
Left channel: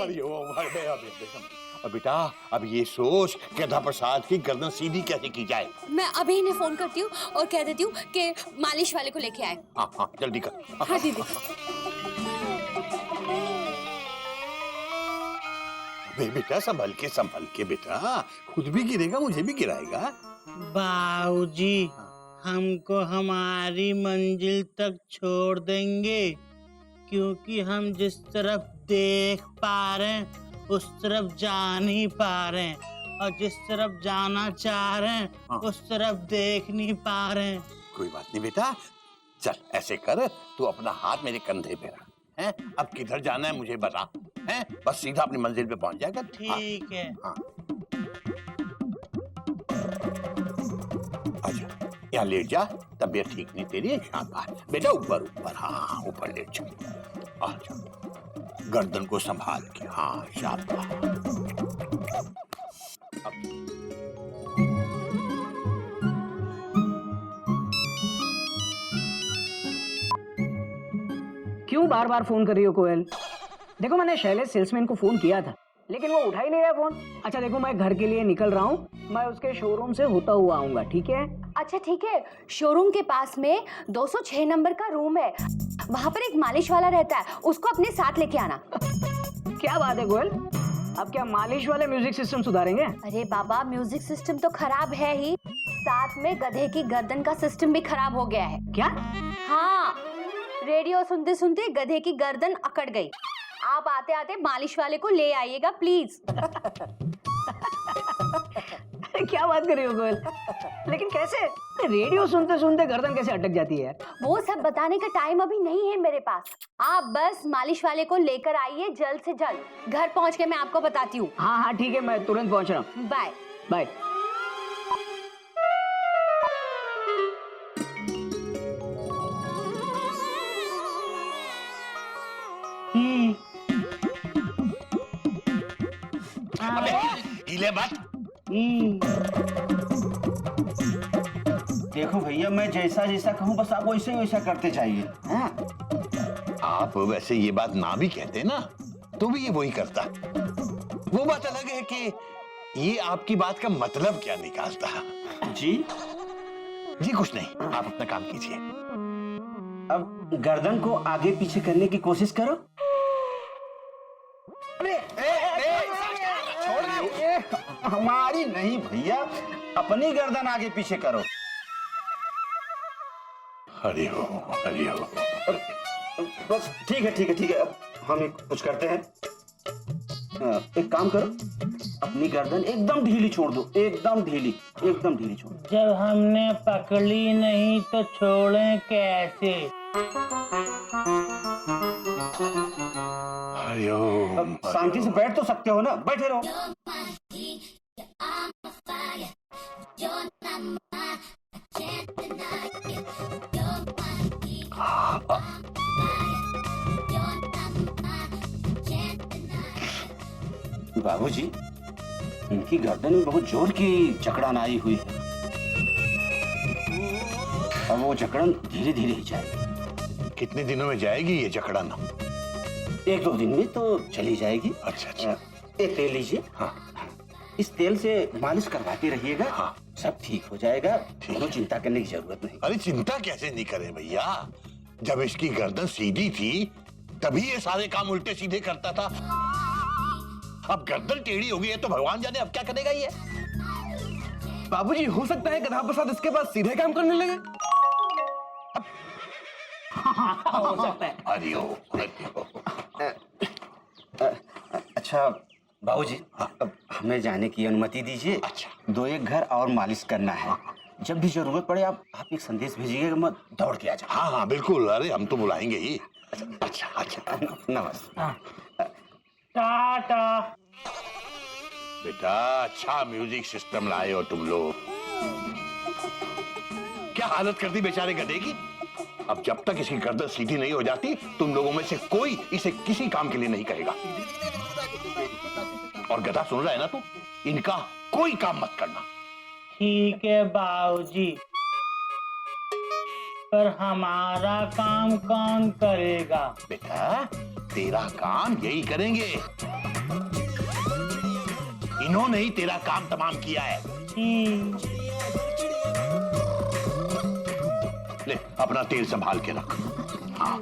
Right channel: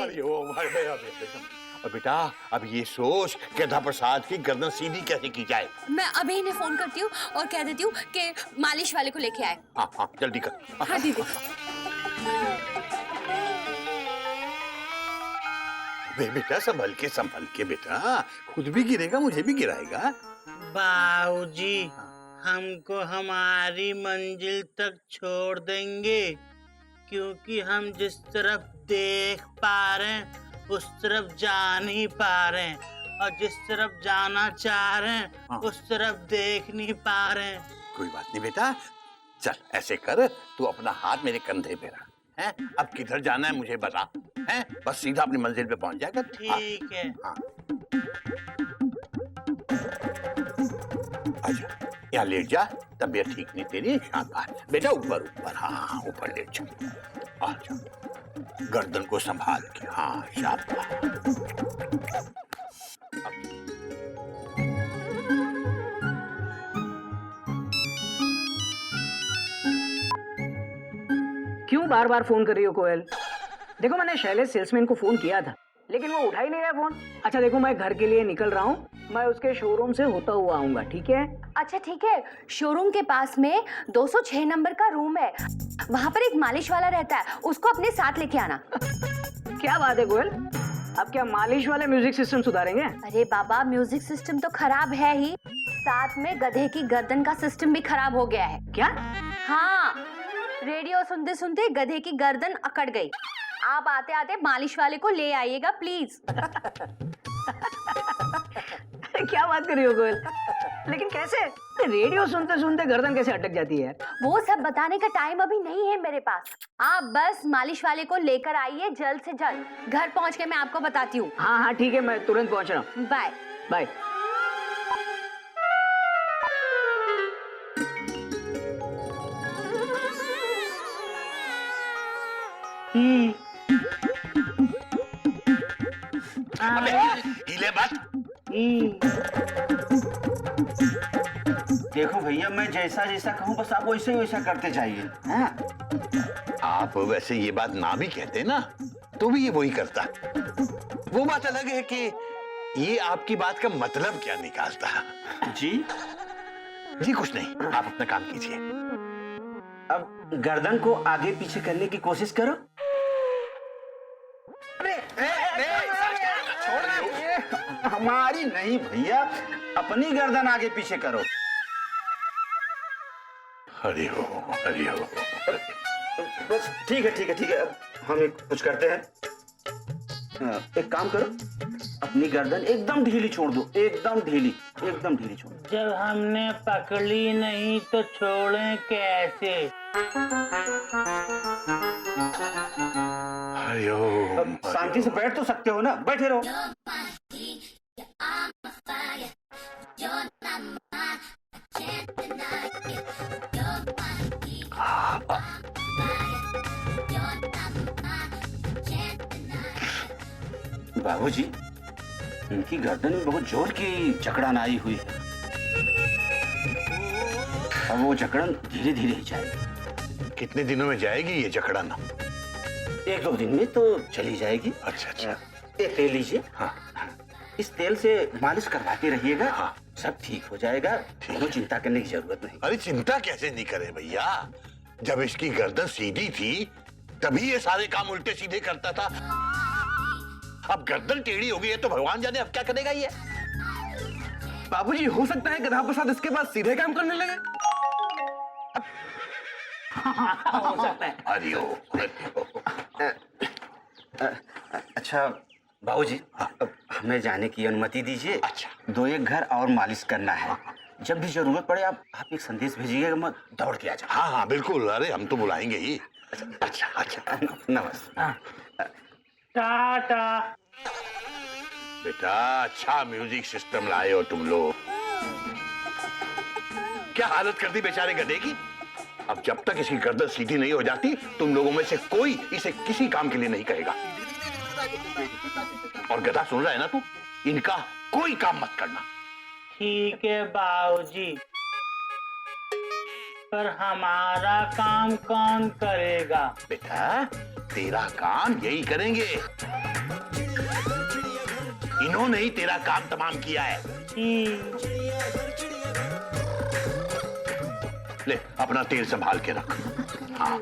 हरिओम और बेटा अब ये सोच गधा प्रसाद की गर्दन सीधी कैसे की जाए। मैं अभी इन्हें फोन करती हूँ और कह देती हूँ कि मालिश वाले को लेके आए। हाँ हाँ जल्दी कर। हाँ दीदी। बेटा संभल के बेटा, खुद भी गिरेगा मुझे भी गिराएगा। बाबूजी, हमको हमारी मंजिल तक छोड़ देंगे, क्योंकि हम जिस तरफ देख पा रहे हैं उस तरफ जा नहीं पा रहे हैं, और जिस तरफ जाना चाह रहे हैं उस तरफ देख नहीं पा रहे हैं। कोई बात नहीं बेटा, चल ऐसे कर, तू अपना हाथ मेरे कंधे पे रख, हैं? अब किधर जाना है मुझे बता, हैं? बस सीधा अपनी मंजिल पे पहुंच जाएगा। ठीक है। हाँ। आजा, यहाँ लेट जा, तबीयत ठीक नहीं तेरी। शाबाश बेटा, ऊपर ऊपर, हाँ ऊपर लेट जा। आजा, गर्दन को संभाल के, हाँ शाबाश। क्यों बार बार फोन कर रही हो कोयल? देखो मैंने शैलेश सेल्समैन को फोन किया था, लेकिन वो उठा ही नहीं रहा फोन। अच्छा देखो, मैं घर के लिए निकल रहा हूँ, मैं उसके शोरूम से होता हुआ आऊंगा, ठीक है? अच्छा ठीक है, शोरूम के पास में 206 नंबर का रूम है, वहाँ पर एक मालिश वाला रहता है, उसको अपने साथ लेके आना। क्या बात है कोयल, अब क्या मालिश वाले म्यूजिक सिस्टम सुधारेंगे? अरे बाबा, म्यूजिक सिस्टम तो खराब है ही, साथ में गधे की गर्दन का सिस्टम भी खराब हो गया है। क्या? हाँ, रेडियो सुनते सुनते गधे की गर्दन अकड़ गई। आप आते आते मालिश वाले को ले आइएगा प्लीज। क्या बात कर रही हो कोयल? लेकिन कैसे? रेडियो सुनते सुनते गर्दन कैसे अटक जाती है? वो सब बताने का टाइम अभी नहीं है मेरे पास। आप बस मालिश वाले को लेकर आइए जल्द से जल्द। घर पहुंच के मैं आपको बताती हूँ। हाँ हाँ ठीक है, मैं तुरंत पहुंच रहा हूँ। Bye bye. हिले मत। देखो भैया, मैं जैसा जैसा कहूँ बस आप वैसे ही वैसा करते जाइए। हाँ? आप वैसे ये बात ना भी कहते ना तो भी ये वही करता। वो बात अलग है कि ये आपकी बात का मतलब क्या निकालता। जी जी कुछ नहीं, आप अपना काम कीजिए। अब गर्दन को आगे पीछे करने की कोशिश करो। हमारी नहीं भैया, अपनी गर्दन आगे पीछे करो। हरिओ हरिओ। बस ठीक है ठीक है ठीक है, अब हम कुछ करते हैं। एक काम करो, अपनी गर्दन एकदम ढीली छोड़ दो, एकदम ढीली, एकदम ढीली छोड़ दो। जब हमने पकड़ी नहीं तो छोड़ें कैसे? हरिओम। शांति से बैठ तो सकते हो ना, बैठे रहो। बाबूजी, उनकी गर्दन में बहुत जोर की जकड़न आई हुई है। अब वो जकड़न धीरे धीरे ही जाएगी। कितने दिनों में जाएगी ये जकड़न? 1-2 दिन में तो चली जाएगी। अच्छा अच्छा। ये तेल लीजिए। हाँ। इस तेल से मालिश करवाते रहिएगा। हाँ। सब ठीक हो जाएगा, कोई चिंता करने की जरूरत नहीं। अरे चिंता कैसे नहीं करे भैया, जब इसकी गर्दन सीधी थी तभी ये सारे काम उल्टे सीधे करता था। अब गर्दन टेढ़ी हो गई है तो भगवान जाने अब क्या करेगा ये। बाबूजी, हो सकता है गधा प्रसाद इसके बाद सीधे काम करने लगे। हो सकता है। हरिओम हरिओम। अच्छा बाबूजी, अब हमें जाने की अनुमति दीजिए। अच्छा। 2-1 घर और मालिश करना है। जब भी जरूरत पड़े आप एक संदेश भेजिएगा, मैं दौड़ के आ जाऊँ। हाँ हाँ बिल्कुल, अरे हम तो बुलाएंगे ही। अच्छा अच्छा। नमस्ते। टाटा। बेटा अच्छा म्यूजिक सिस्टम लाए हो तुम लोग। क्या हालत कर दी बेचारे गधे की। अब जब तक इसकी गर्दन सीधी नहीं हो जाती तुम लोगों में से कोई इसे किसी काम के लिए नहीं कहेगा। और गधा सुन रहा है ना तू, इनका कोई काम मत करना। ठीक है बाबूजी, पर हमारा काम कौन करेगा? बेटा तेरा काम यही करेंगे, इन्होंने ही तेरा काम तमाम किया है। ले अपना तेल संभाल के रख। हाँ।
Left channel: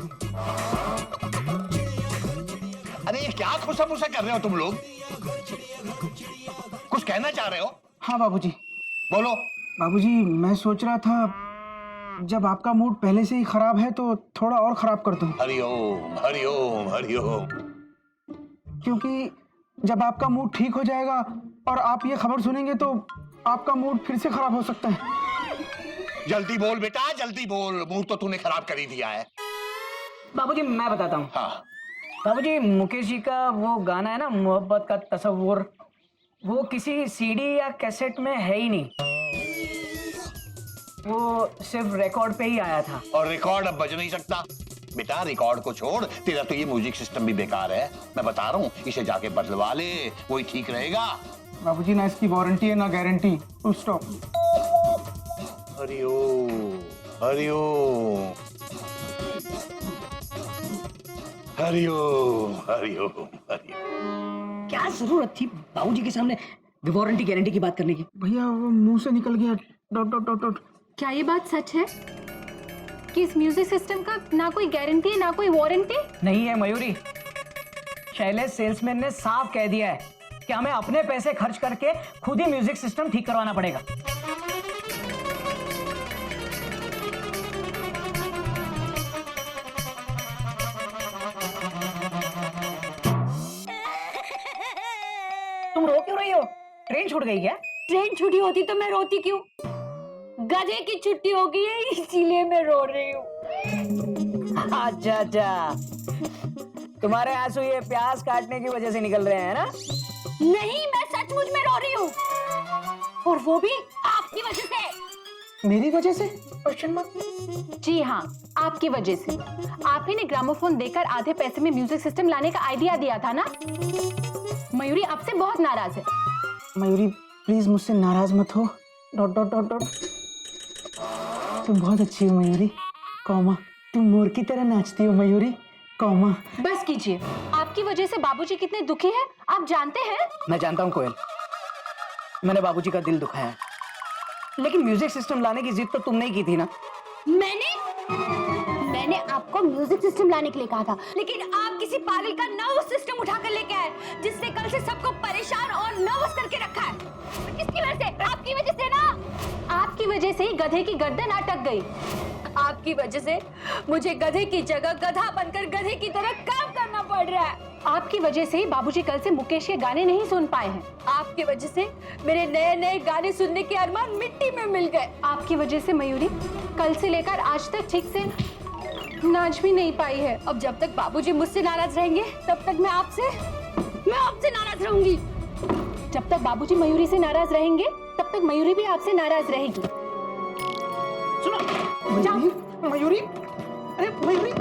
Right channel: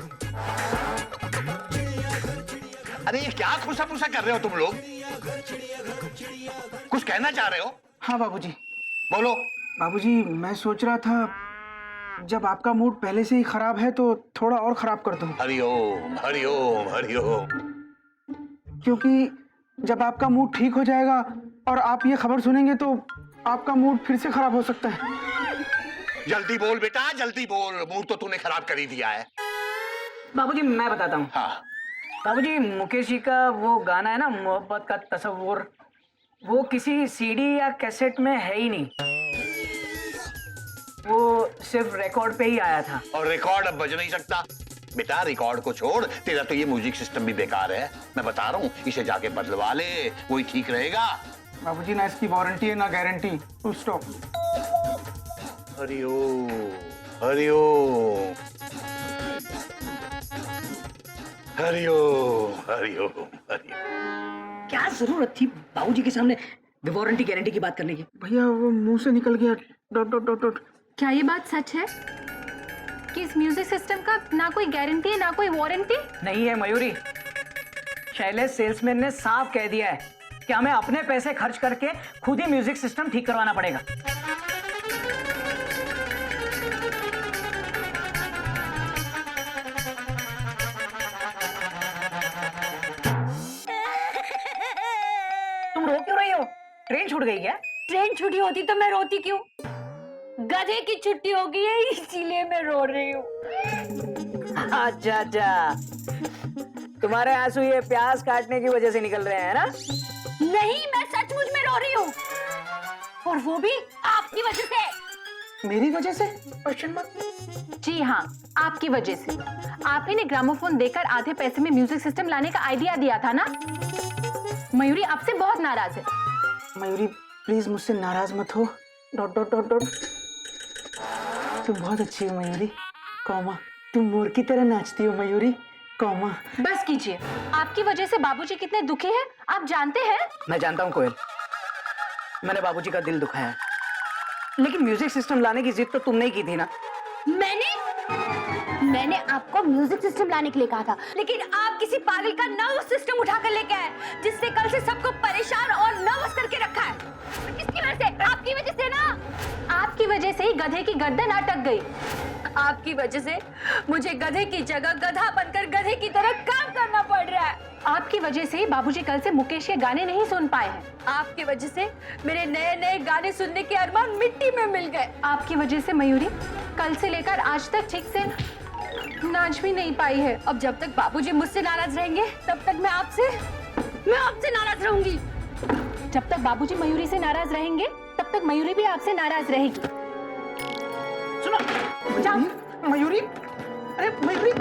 अरे ये क्या खुशा-फुसा कर रहे हो तुम लोग? कुछ कहना चाह रहे हो? हाँ बाबूजी। बोलो। बाबूजी, मैं सोच रहा था जब आपका मूड पहले से ही खराब है तो थोड़ा और खराब कर दूं। हरिओम हरिओम हरिओम। क्योंकि जब आपका मूड ठीक हो जाएगा और आप ये खबर सुनेंगे तो आपका मूड फिर से खराब हो सकता है। जल्दी बोल बेटा जल्दी बोल, मूड तो तूने खराब कर ही दिया है। बाबूजी मैं बताता हूँ। हाँ। बाबूजी, मुकेश जी का वो गाना है ना, मोहब्बत का तस्वुर, वो किसी सीडी या कैसेट में है ही नहीं, वो सिर्फ रिकॉर्ड पे ही आया था। और रिकॉर्ड अब बज नहीं सकता बेटा, रिकॉर्ड को छोड़, तेरा तो ये म्यूजिक सिस्टम भी बेकार है। मैं बता रहा हूँ इसे जाके बदलवा ले, वही ठीक रहेगा। बाबूजी, ना इसकी वारंटी है ना guarantee. Full stop. Hariom Hariom Hariom Hariom Hariom. क्या जरूरत थी बाबूजी के सामने वारंटी गारंटी की बात करने की? भैया वो मुंह से निकल गया। Dot dot dot dot. क्या ये बात सच है कि इस म्यूजिक सिस्टम का ना कोई गारंटी है ना कोई वारंटी? नहीं है मयूरी, शैलेश सेल्समैन ने साफ कह दिया है कि हमें अपने पैसे खर्च करके खुद ही म्यूजिक सिस्टम ठीक करवाना पड़ेगा। तुम रो क्यों रही हो? ट्रेन छूट गई क्या? ट्रेन छुट्टी होती तो मैं रोती क्यों? गधे की छुट्टी हो गई है इसीलिए मैं रो रही हूँ। अच्छा अच्छा, तुम्हारे आंसू ये प्याज काटने की वजह से निकल रहे हैं ना? नहीं, मैं सचमुच में रो रही हूँ, और वो भी आपकी वजह से। मेरी वजह से? Question mark. जी हाँ, आपकी वजह से। आप ही ने ग्रामोफोन देकर आधे पैसे में म्यूजिक सिस्टम लाने का आइडिया दिया था ना। मयूरी आपसे बहुत नाराज है। मयूरी प्लीज मुझसे नाराज मत हो। Dot dot dot dot. तुम बहुत अच्छी हो मयूरी, कॉमा तुम मोर की तरह नाचती हो मयूरी, कॉमा। बस कीजिए, आपकी वजह से बाबूजी कितने दुखी हैं आप जानते हैं? मैं जानता हूँ कोयल, मैंने बाबूजी का दिल दुखाया, लेकिन म्यूजिक सिस्टम लाने की जिद तो तुमने ही की थी ना। मैंने आपको म्यूजिक सिस्टम लाने के लिए कहा था, लेकिन आप किसी पागल का नर्वस सिस्टम उठा कर लेके आए, जिसने कल से सबको परेशान और नर्वस करके रखा है। किसकी वजह से? आपकी वजह से ना। आपकी वजह से ही गधे की गर्दन अटक गई। आपकी वजह से मुझे गधे की जगह गधा बनकर गधे की तरह काम करना पड़ रहा है। आपकी वजह से ही बाबूजी कल से मुकेश के गाने नहीं सुन पाए हैं। आपकी वजह से मेरे नए नए गाने सुनने के अरमान मिट्टी में मिल गए। आपकी वजह से मयूरी कल से लेकर आज तक ठीक से नाच भी नहीं पाई है। अब जब तक बाबूजी मुझसे नाराज रहेंगे तब तक मैं आपसे नाराज रहूंगी। जब तक बाबूजी मयूरी से नाराज रहेंगे तब तक मयूरी भी आपसे नाराज रहेगी। सुनो मयूरी, अरे मयूरी,